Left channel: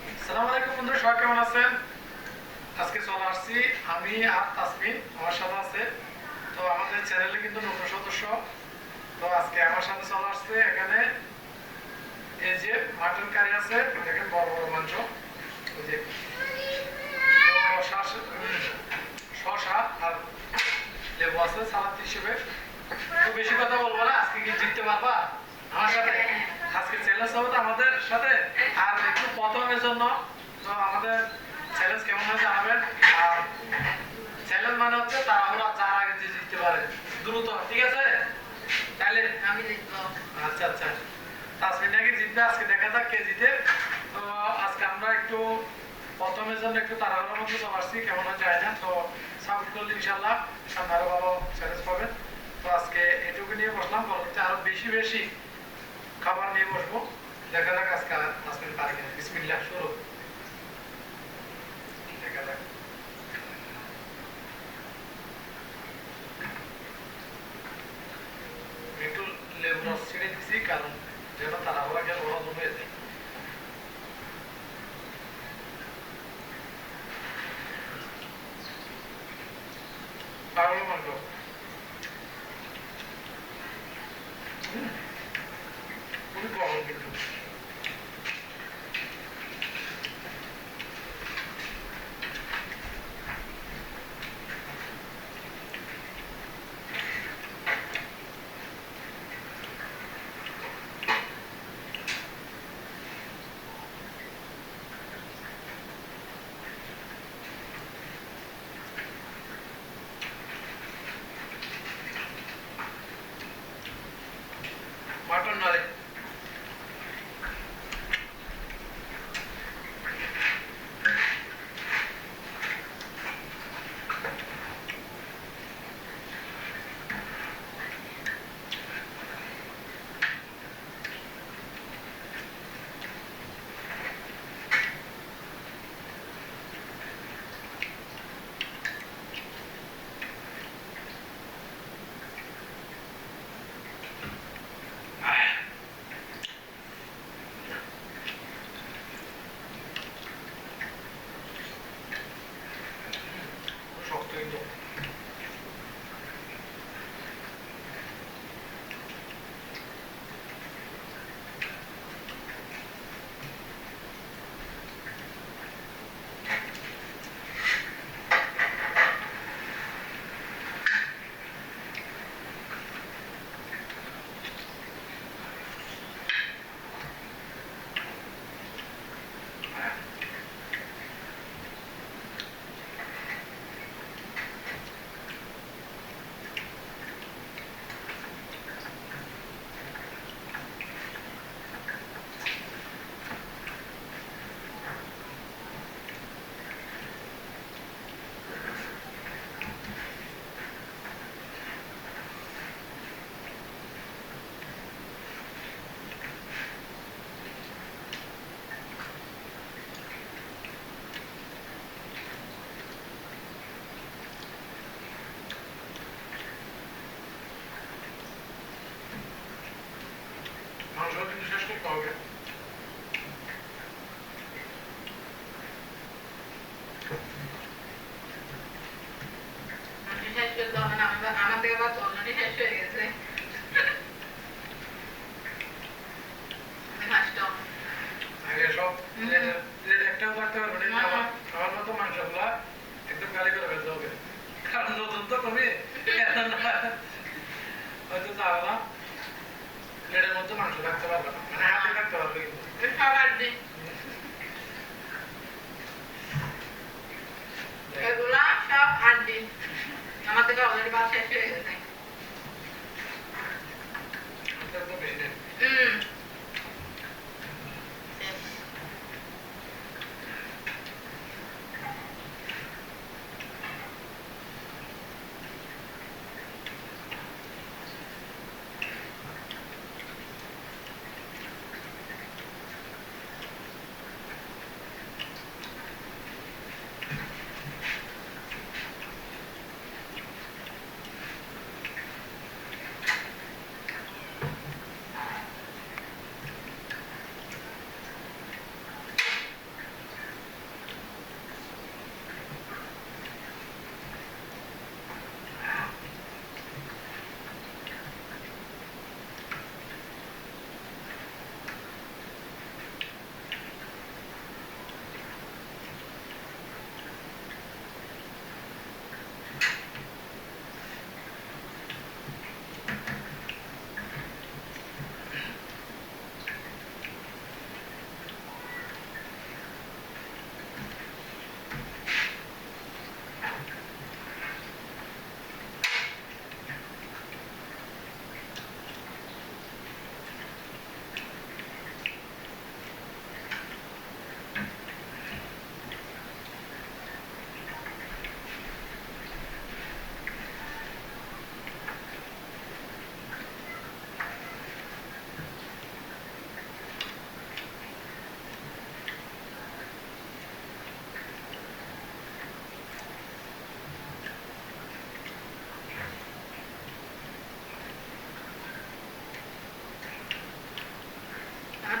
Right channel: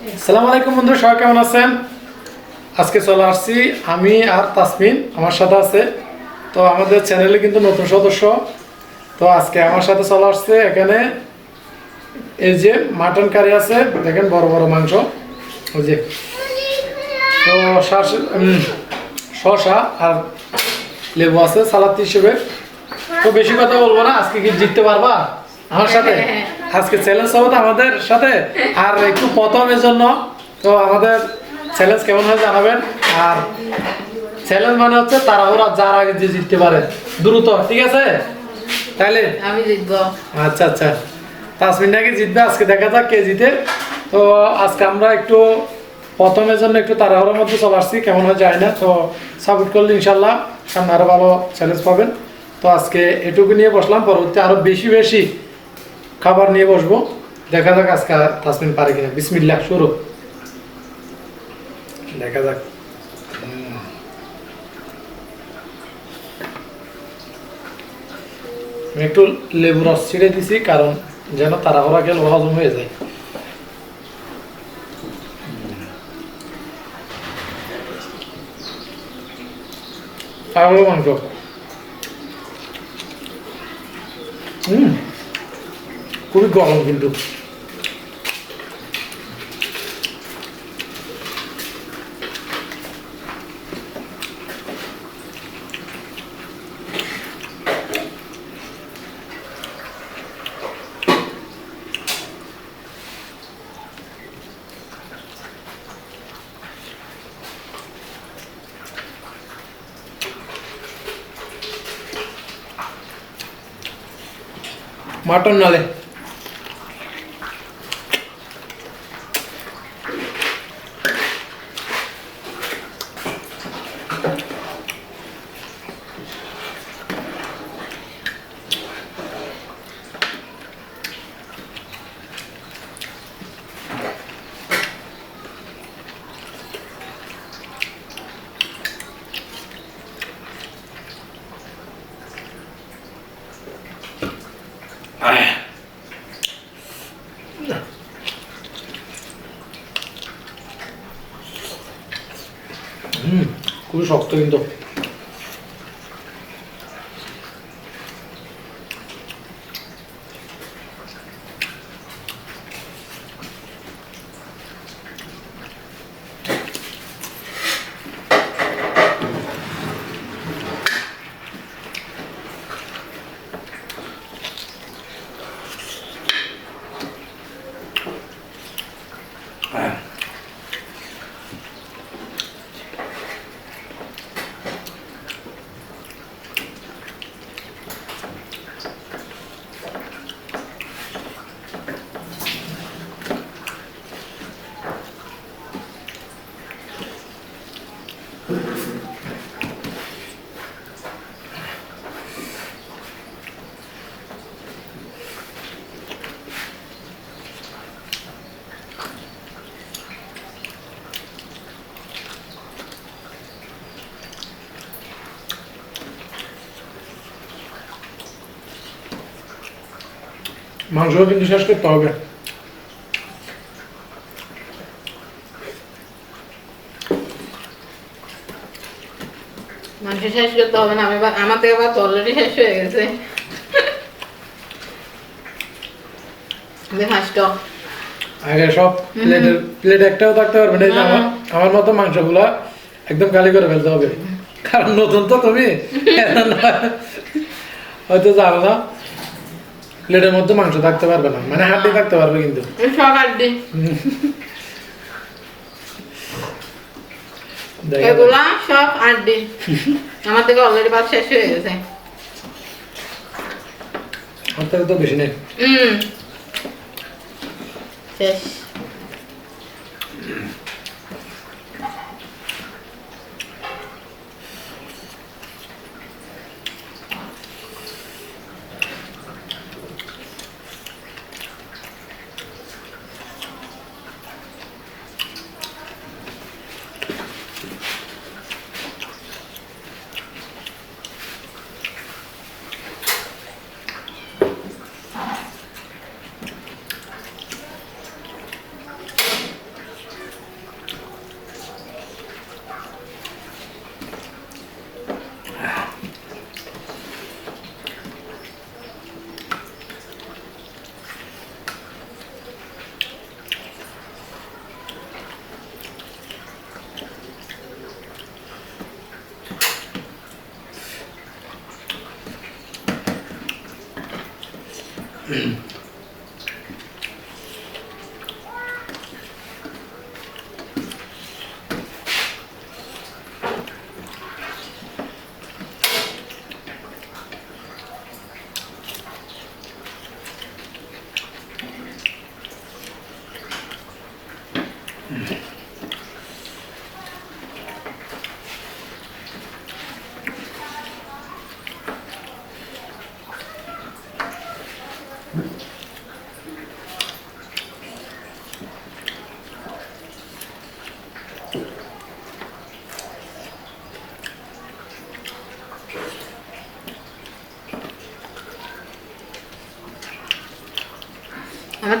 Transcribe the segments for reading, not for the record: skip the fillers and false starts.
আসসালামু আলাইকুম বন্ধুরা, সবাই কেমন আছেন? আজকে চলে আসছি আমি আর তাসমিন আমার সাথে আছে। তো আমাদের চ্যানেলে কিন্তু নতুন সদস্য। তো আজকে আমার সাথে চলে আসছে এখানে এই যে মাটন কারি আছে, দেখেন বড় বড় মাংস, ওই যে। তো শসা আর লেবু আছে সালাদ হিসেবে। তো বেশি কথা বলবো না, আজকে কি জিততে পারবা আমার সাথে? আজকে চ্যালেঞ্জ হবে তো আমাদের সাথে, আর একটু প্রথমের জন্য। তো আমাদের চ্যালেঞ্জ কেমন হয় জানাবেন। আর চ্যালেঞ্জ মানে হচ্ছে তাড়াহুড়া, যার আগে যে জিততে পারে দ্রুত, ঠিক আছে? তাইলে আমি জিতবো। আচ্ছা আচ্ছা, তাসমিন নাকি জিতবে, আজকে দেখা যাক কে জিতে। তো আজকে আমরা একটু প্রথমের জন্য একটু তাড়াহুড়োর মধ্যে চলে আসছি, কেমন হয় যায় না। তো সাপোর্ট করলে ইনশাল্লাহ সামনে আরও ভালো চ্যালেঞ্জ পাবেন। তো আজকে এটুকু নিয়ে বসলাম, পরবর্তী আরও বেশি বেশি খাবার নিয়ে বসবো। দেখা যাক আজকে তাসমিন পারে কিনা। বিসমিল্লাহ, শুরু। দেখা যাক। আমি একটু লেবু রস ছিঁড়ে দিছি, কারণ যেন তাড়াহুড়া খেলে হজম হয়ে যায়। পাগল মাংস। খুবই গরম কিন্তু। মাটন নালে খুবই শক্ত কিন্তু। মাংস কিন্তু শেষ করতে হবে। মাংস শেষ করতে হবে না, আমার থেকে ভাত অলরেডি শেষ হয়ে গেছে। আগে সব প্লেট একটাও থাকতে পারবে না। এই যে আমার মতো মাংসগুলা একদম খালি করে ফেলতে হবে, কারণ নতুন তো তুমি। হয়তো জানো না, প্লেটের মধ্যে মাংস থাকতে পারবে না, মানে হাড্ডি থাকতে পারবে কিন্তু। সব হাড্ডি, এগুলা সব হাড্ডি। আমার থেকে অলরেডি ভাত শেষ হয়ে গেছে। আপনার তো বেশি নেই। শেষ। আমার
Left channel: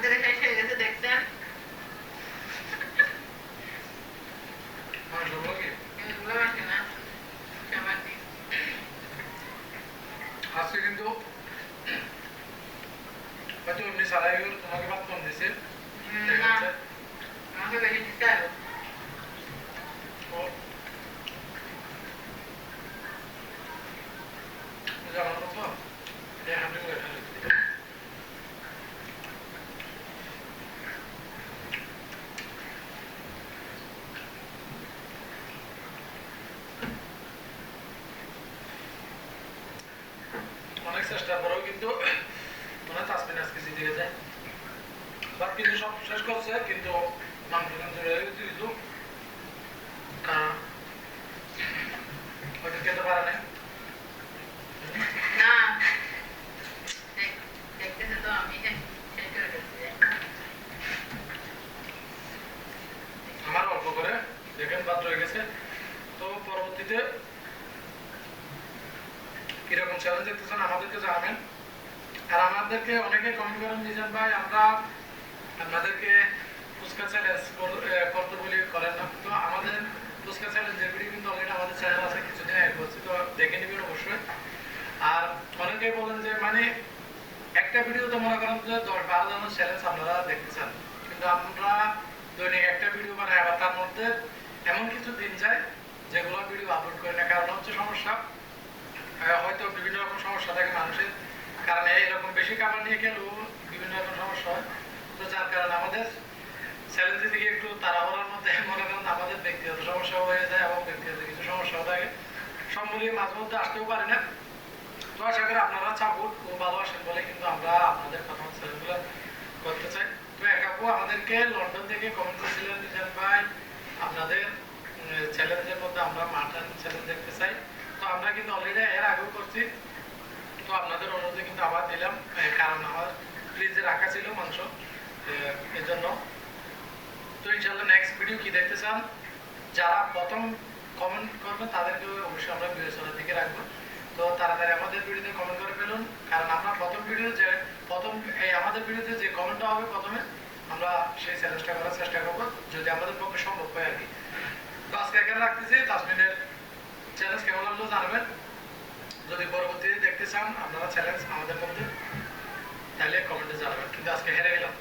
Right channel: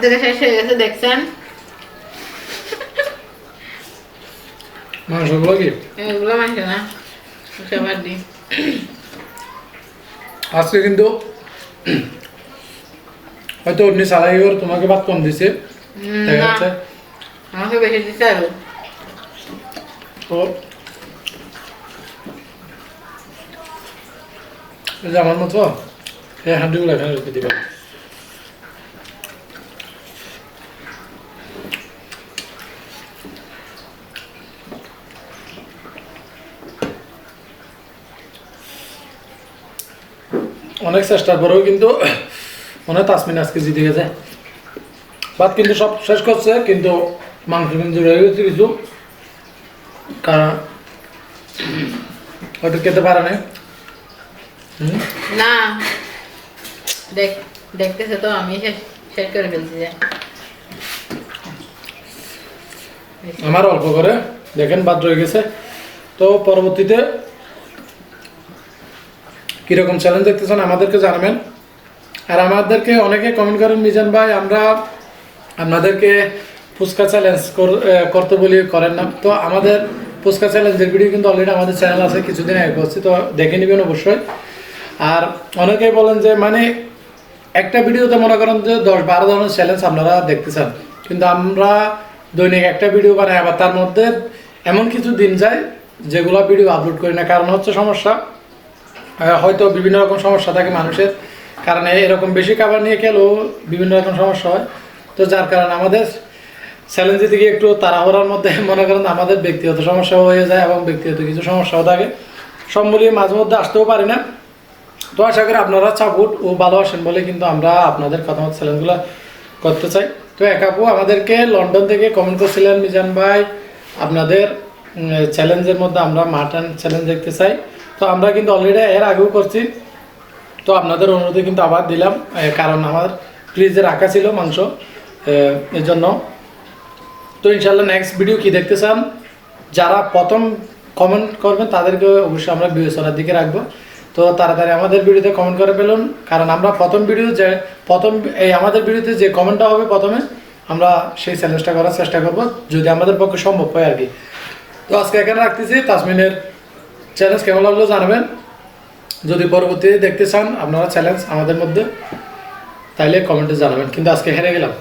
থেকে শেষ হয়ে গেছে দেখছেন মাংসগুলো কি এগুলো মাংস না সবার দিন আজকে কিন্তু হয়তো অন্য সালাই করে তোমাকে ভাত কম দিছে দেখা যাচ্ছে আমাকে বেশি দিতে আরো তো এই যে আমার মতো এই হাঁটুগুলো এখানে রেখে দিবা অনেক চেষ্টার পরেও কিন্তু মনে হয় তাসমিন আজকে জিতে গেছে ভাত কিন্তু সব শেষ করছে কিন্তু মাংস কিন্তু রয়ে গেছে কিছু কারণ হয়তো খেতে পারে না না দেখতেছে তো আমি শেষ শেষ করে ফেলছি যে আমার অল্প করে দেখেন ভাত রয়ে গেছে তো পরবর্তীতে কিরকম চ্যালেঞ্জ দেখতেছেন আমাদেরকে জানাবেন আর আমাদেরকে অনেকে কমেন্ট করেন মিজান ভাই আমরা আপনাদেরকে ফুচকা চ্যালেঞ্জ করতে বলি করেন না তো আমাদের ফুচকা চ্যালেঞ্জের ভিডিও কিন্তু অলরেডি আমাদের চ্যানেল আছে কিছুদিন আগে করছি তো দেখে নেবেন অবশ্যই আর অনেকেই বলেন যে মানে একটা ভিডিওতে মনে করেন যে 10-12 ধরনের চ্যালেঞ্জ আপনারা দেখতে চান কিন্তু আমরা দৈনিক একটা ভিডিও বানাই আবার তার মধ্যে এমন কিছু দিন যায় যেগুলো ভিডিও আপলোড করি না কারণ হচ্ছে সমস্যা হয়তো বিভিন্ন রকম সমস্যা থাকে মানুষের কারণে এরকম বেশি খাবার নিয়ে খেলেও বিভিন্ন রকম সমস্যা হয় তো যার কারণে আমাদের চ্যালেঞ্জ থেকে একটু তাড়াহুড়ার মধ্যে মনে করেন আমাদের ব্যক্তিগত সমস্যা হয়ে যায় এবং ব্যক্তিগত কিছু সমস্যাও থাকে সব মিলিয়ে মাঝে মধ্যে আসতেও পারি না তো আশা করি আপনারা সাপোর্ট ও ভালোবাসেন বলে কিন্তু আমরা আপনাদের কথা মতো চ্যালেঞ্জগুলো করতে চাই তো এক আপু আমাদেরকে লন্ডন থেকে কমেন্ট করছিলেন মিজান ভাই আপনাদের চ্যালেঞ্জের মধ্যে আমরা মাটন চ্যালেঞ্জ দেখতে চাই তো আমরা কিন্তু অলরেডি এর আগেও করছি তো আপনাদের অনুরোধে কিন্তু আবার দিলাম কারণ আমার ফ্রিজে রাখা ছিল মাংস এর জন্য তো ইনশাল্লাহ নেক্সট ভিডিও কি দেখতে চান যারা প্রথম কমেন্ট করবেন তাদেরকে অবশ্যই আমরা বিবেচনার দিকে রাখবো তো তাড়াতাড়ি আমাদের ভিডিওতে কমেন্ট করে ফেলুন কারণ আমরা এই আমাদের ভিডিওতে যে কমেন্টটা হবে প্রথমে আমরা সেই চ্যালেঞ্জটা করার চেষ্টা করব যদি আমাদের পক্ষে সম্ভব হয় আর কি তো আজকে এখানে রাখতেছি তাসমিনের চ্যালেঞ্জ কেমন লাগলো জানাবেন যদি পরবর্তীতে দেখতে চান আপনারা চ্যালেঞ্জ আমাদের মধ্যে তাইলে কমেন্টে জানাবেন কিন্তু আজকে হেরে গেলাম